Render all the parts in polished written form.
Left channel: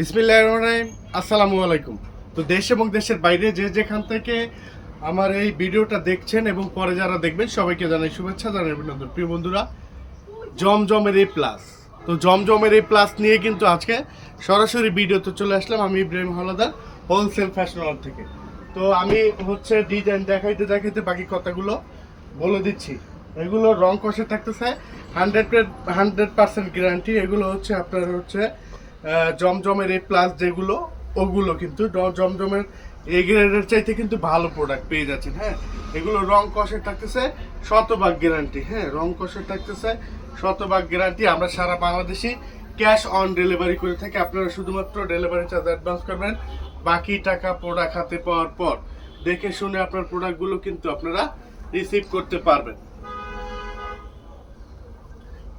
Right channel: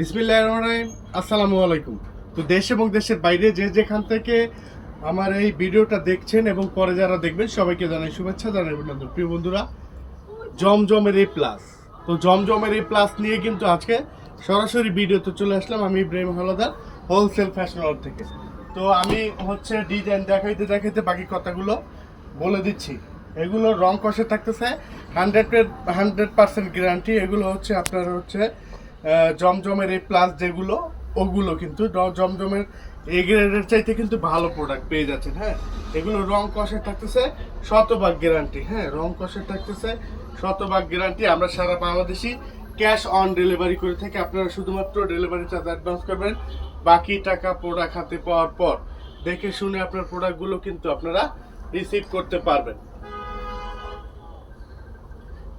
বিসমিল্লাহির রহমানির রহিম। আসসালামু আলাইকুম। তো দেশ এবং দেশের বাইরে যে যেখান থেকে আমার এই ভিডিওটা দেখছেন এবং পরে যারা দেখবেন সবাইকে জানাই শুভেচ্ছা, জানাই অভিনন্দন। প্রিয় বন্ধুরা, জমজমের এই প্লাস, তো জমজমের এই প্লাস নিয়ে কিন্তু আজকে সরাসরি ভিডিওতে চলে আসলাম আমি ইব্রাহিম হাওলাদার, হোলসেল ফ্যাশন হল থেকে। তো আমি ডিজাইন দেখাইতে দেখাইতে বাকি কথাগুলো বলে দিচ্ছি। এগুলো রং কষে থাকতেছে 100% গ্যারান্টি। এগুলো আপনার জমজমের এই প্লাস যেগুলো, ওগুলো কিন্তু জমজমের এই গ্রেডের চাইতে কিন্তু ভালো প্রোডাক্ট পেয়ে যাচ্ছেন। হ্যাঁ, এগুলো রং কষে থাকতেছে শতভাগ গ্যারান্টি। হ্যাঁ, রং কষে থাকতেছে শতভাগ গ্যারান্টি। আমরা সারা বাংলাদেশি ক্যাশ অন ডেলিভারি করে থাকি। আপনারা শুধুমাত্র ডেলিভারি চার্জ অ্যাডভান্স করবেন, বাকি টাকা প্রোডাক্ট হাতে পাওয়ার পর দেখে শুনে আপনার প্রোডাক্টগুলো কিন্তু আপনারা রিসিভ করতে পারবেন।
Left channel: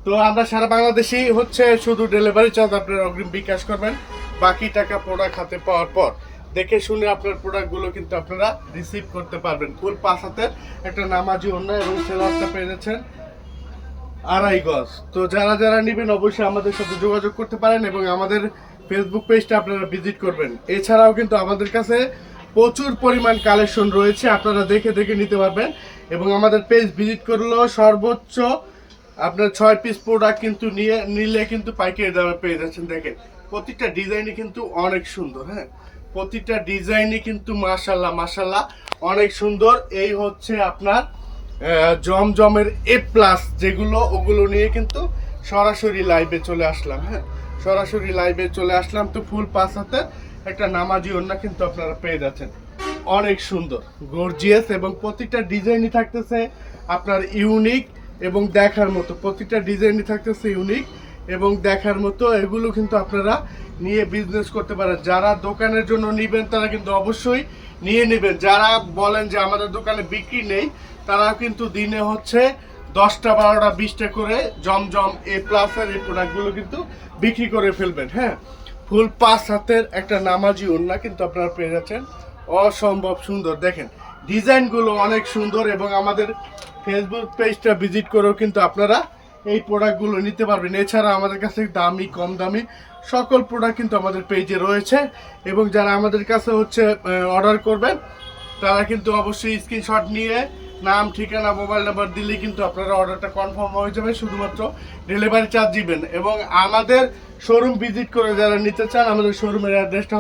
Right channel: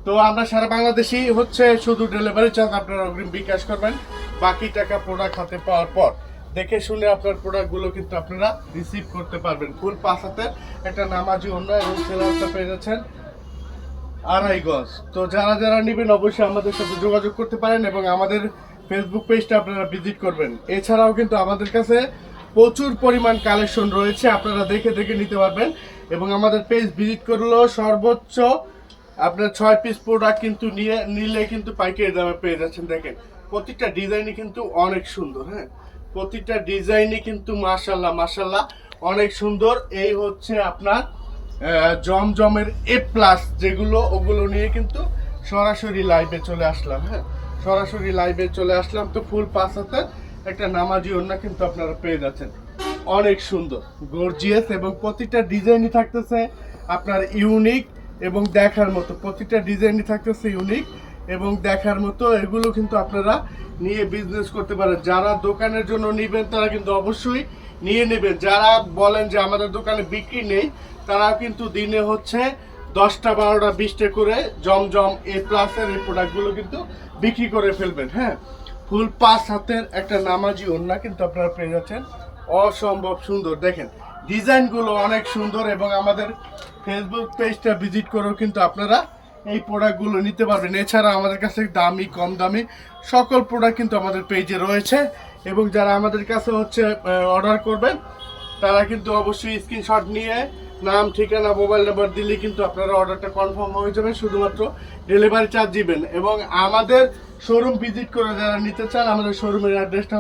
তো আমরা সারা বাংলাদেশি শুধু ডেলিভারি চার্জ আপনারা অগ্রিম বিকাশ করবেন, বাকি টাকা প্রোডাক্ট হাতে পাওয়ার পর দেখে শুনে আপনার প্রোডাক্টগুলো কিন্তু আপনারা রিসিভ করতে পারবেন। ফুল 5 হাতে একটা নামাজি অন্য এবং সেলারটা পেয়ে যাচ্ছেন 2.5 গজ। তো যারা যারা নেবেন অবশ্যই আমাদের সাথে যোগাযোগ করতে পারেন এবং আমাদের ফেসবুক পেজটা আপনারা ভিজিট করবেন। এছাড়াও কিন্তু আমাদের কাছে প্রচুর পরিমাণ কালেকশন রয়েছে, আপনারা দেখে দেখে নিতে পারবেন। এবং আমাদের পেজ ভিজিট করলেও সর্বোচ্চ আপনার 6 পিস প্রোডাক্ট কিন্তু নিলে কিন্তু পাইকারি দামে পেয়ে যাচ্ছেন। দেখেন প্রত্যেকটা ডিজাইনই কিন্তু অনেক সুন্দর। হ্যাঁ, প্রত্যেকটা ডিজাইনই কিন্তু মাশাল্লাহ অনেক সুন্দর। এই আপনার জমজমের এ প্লাস যেগুলো, ওগুলো নিয়ে কিন্তু সরাসরি লাইভে চলে আসলাম। হ্যাঁ, সরাসরি লাইভে চলে আসলাম। তো ফুল 5 হাতে একটা নামাজি ওড়না কিন্তু আপনারা পেয়ে যাচ্ছেন, অনেক সুন্দর গর্জিয়াস। এবং প্রত্যেকটা ডিজাইনই থাকতেছে আপনার ইউনিক এবং দেখার মতো। প্রত্যেকটা ডিজাইনই থাকতেছে ইউনিক এবং দেখার মতো। এগুলো কিন্তু আপনারা নিয়ে বিজনেস করতে পারেন। যারা দোকানের জন্য নেবেন তারা কিন্তু অবশ্যই নিয়ে নেবেন। যারা বলেন যে আমাদের দোকানে বিক্রি নেই, তারা কিন্তু দিনে 10টা 12টা 20টা করে জমজম এ প্লাসের এই প্রোডাক্টগুলো কিন্তু বিক্রি করে ফেলবেন। হ্যাঁ, ফুল 5 হাতের একটা নামাজি ওড়না কিন্তু আপনারা পেয়ে যাচ্ছেন, অসম্ভব সুন্দর। দেখেন ডিজাইনগুলো অনেক সুন্দর এবং আমাদের ফেসবুক পেজটা ভিজিট করেও কিন্তু আপনারা এই প্রোডাক্টগুলো নিতে পারবেন। এছাড়া আমাদের কাছে দামি কম দামি সকল প্রোডাক্ট কিন্তু আমাদের পেজে রয়েছে। এবং যারা আমাদের কাছে অর্ডার করবেন তারা কিন্তু অবশ্যই স্ক্রিনশট নিয়ে নাম, ঠিকানা, মোবাইল নাম্বার দিলেই কিন্তু আপনারা অর্ডারটা কনফার্ম হয়ে যাবে। শুধুমাত্র ডেলিভারি চার্জ দিবেন। এবং আমাদের শোরুম ভিজিট করে যারা নিতে চান, আমাদের শোরুমের অ্যাড্রেসটা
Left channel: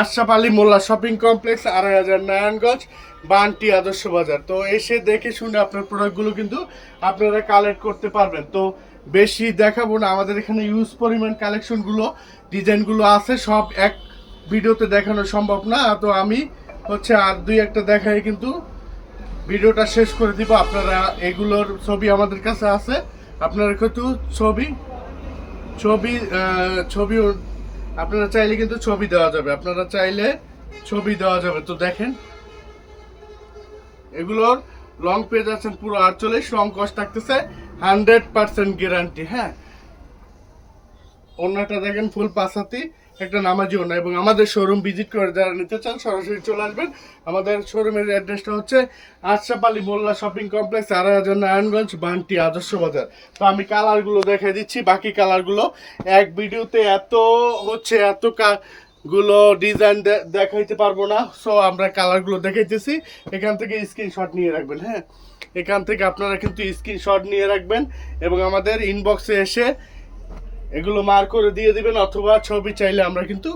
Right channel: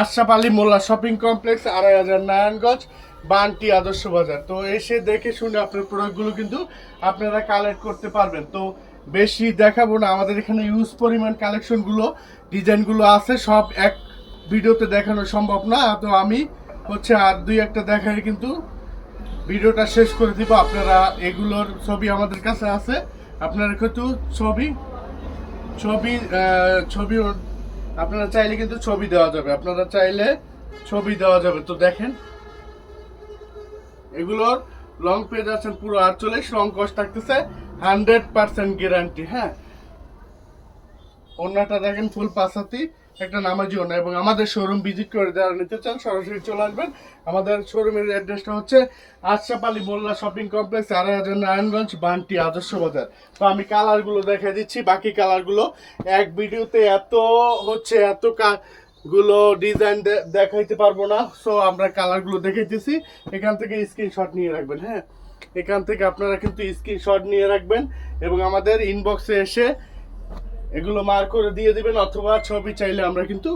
আশরাফ আলী মোল্লা শপিং কমপ্লেক্স, 2.5 নারায়ণগঞ্জ, বান্টি আদর্শ বাজার। তো এসে দেখে শুনে আপনার প্রোডাক্টগুলো কিন্তু আপনারা কালেক্ট করতে পারবেন। তো বেশি দেখাবো না, আমাদের এখানে ইউজ পরিমাণ কালেকশনগুলো, ডিজাইনগুলো আছে, সব এক ভিডিওতে দেখানো সম্ভব না। তো আমি আর 2-1টা দেখাই কিন্তু ভিডিওটা শেষ করে দিব। আপনারা এগুলোর ছবি আমাদের কাছে আছে, আপনারা কিন্তু ছবি আপনারা চাইলে কিন্তু ছবি দেওয়া যাবে, আপনারা চাইলে ছবি দেওয়া যাবে। তো দেখেন এগুলোর লং পেজ আছেন পুরো 48, রং কস্ট থাকতেছে 100% গ্যারান্টি। হ্যাঁ, ওড়নাটা দেখেন ফুল 5 হাতি একটা নামাজি ওড়না। এবং আমাদের শোরুম ভিজিট করে যারা নিতে চান সরাসরি চলে আসবেন। আমাদের শোরুমের অ্যাড্রেসটা আশরাফ আলী মোল্লা শপিং কমপ্লেক্স, 2.5 নারায়ণগঞ্জ, বান্টি আদর্শ বাজার। তো আমি কালারগুলো দেখিয়ে দিচ্ছি, বাকি কালারগুলো এক ভিডিওতে এত গুলো ডিজাইন দেখাইতে পারবো না। সো আমরা কালারগুলো দেখাইতেছি, এখান থেকে স্ক্রিনশট নিয়ে রাখবেন। হ্যাঁ, এখান থেকে আপনারা কিন্তু স্ক্রিনশট নিয়ে রাখবেন এবং আমাদের ইনবক্সে এসে এগুলো মার্ক করে দিয়ে দিবেন, অথবা ছবি চাইলে আমরা কিন্তু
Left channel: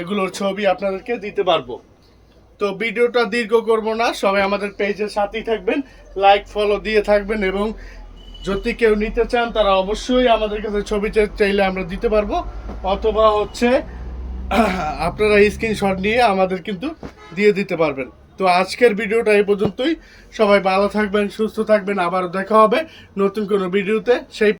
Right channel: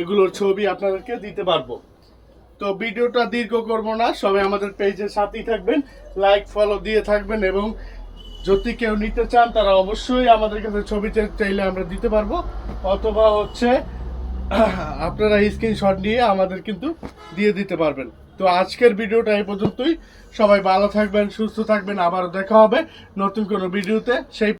এগুলোর ছবি আপনাদেরকে দিতে পারবো। তো ভিডিওটা দীর্ঘ করব না, সবাই আমাদের পেজের সাথেই থাকবেন, লাইক ফলো দিয়ে থাকবেন। এবং যদি কেউ নিতে চান তারা অবশ্যই আমাদের কাছে ছবি চাইলে আমরা দিতে পারবো, অথবা আপনারা স্ক্রিনশট নিয়ে আমাদের কিন্তু দিয়ে দিতে পারবেন। তো আজকের ভিডিওটা এই পর্যন্তই। সবাই ভালো থাকবেন, সুস্থ থাকবেন, আবারও দেখা হবে নতুন কোনো ভিডিওতে। সেই